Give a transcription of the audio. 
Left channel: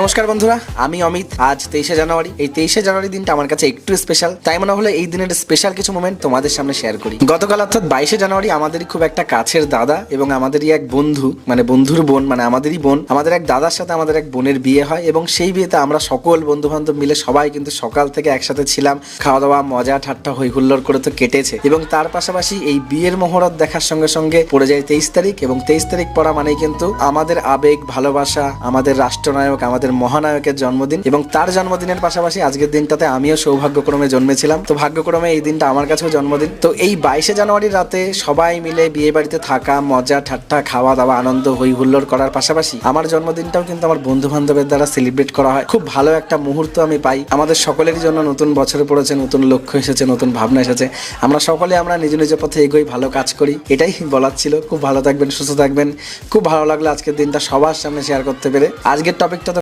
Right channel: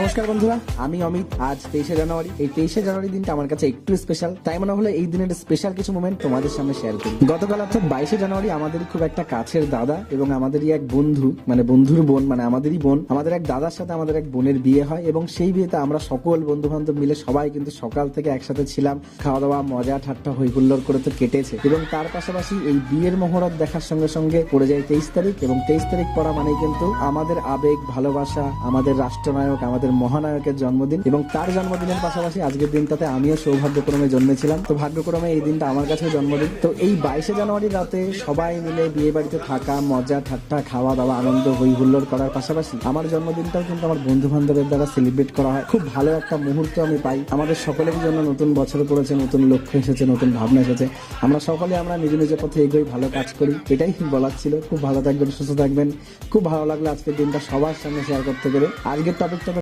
নমস্কার বন্ধুরা, আমি অমিত। আজ 23শে জানুয়ারি। এই 23শে জানুয়ারি দিনটা আমার কাছে একটু স্পেশাল, তাই মনে হলো এই দিনের স্পেশাল কিছু মোমেন্ট তোমাদের সামনে শেয়ার করি। গতকাল অর্থাৎ 22শে জানুয়ারি আমাদেরই খুব একটা কাছের দাদা এবং আমাদেরই এক বন্ধু, মানে বন্ধুর বোন, মানে আমাদেরই বোন, আমাদের এক দাদার সাথে আমাদের এক বোনের বিয়ে হয় এবং সেই বিয়েতে আমরা সকল বন্ধু বান্ধব মিলে সবাই কিন্তু সকাল থেকে একসাথে ছিলাম। খাওয়া দাওয়া, মজা ঠাট্টা, হই হুল্লোড় করে তো কেটেছে এবং তার পাশাপাশি এই বিয়ের মহরত দেখার সঙ্গে সঙ্গে পড়ে যায় 23 তারিখ এবং 23 তারিখ পড়া মানেই কিন্তু আমাদের আবেগ, ভালোবাসা, আমাদের রাষ্ট্রনায়ক, আমাদের মহানায়কের জন্মদিন এবং তার জন্মদিনের পাশাপাশি আজকের দিনটাতে আমিও সৌভাগ্যক্রমে জন্মেছিলাম। তো ভাগ্যক্রমে এই দিনটা আমার কাছেও জন্মদিন। তো এই 22শে জানুয়ারির রাতে সবাই মিলে বিয়ে বাড়িতে থাকা, মজা ঠাট্টা, খাওয়া দাওয়া, আনন্দ, হই হুল্লোড় করার পাশাপাশি আমার জন্মদিনটাও কিন্তু আমার বন্ধু বান্ধবের দ্বারা সেলিব্রেট করা হয়। খুব ভালো একটা মুহূর্ত আমি পাই। আমাদের সকলেরই জন্য নতুন বছর পড়েছে, নতুন লক্ষ্য এসেছে, নতুন ভাবনা এসেছে। আমরা সকলে নিজ নিজ পথে এগোই, ভালো কাজ করি, এটাই বলার ছিল। খুব ভালো থাকবেন, সুস্থ থাকবেন। খুব ভালো লাগলো আজকের দিনটা সবার সামনে শেয়ার করতে পেরে। আজকের টপিকটা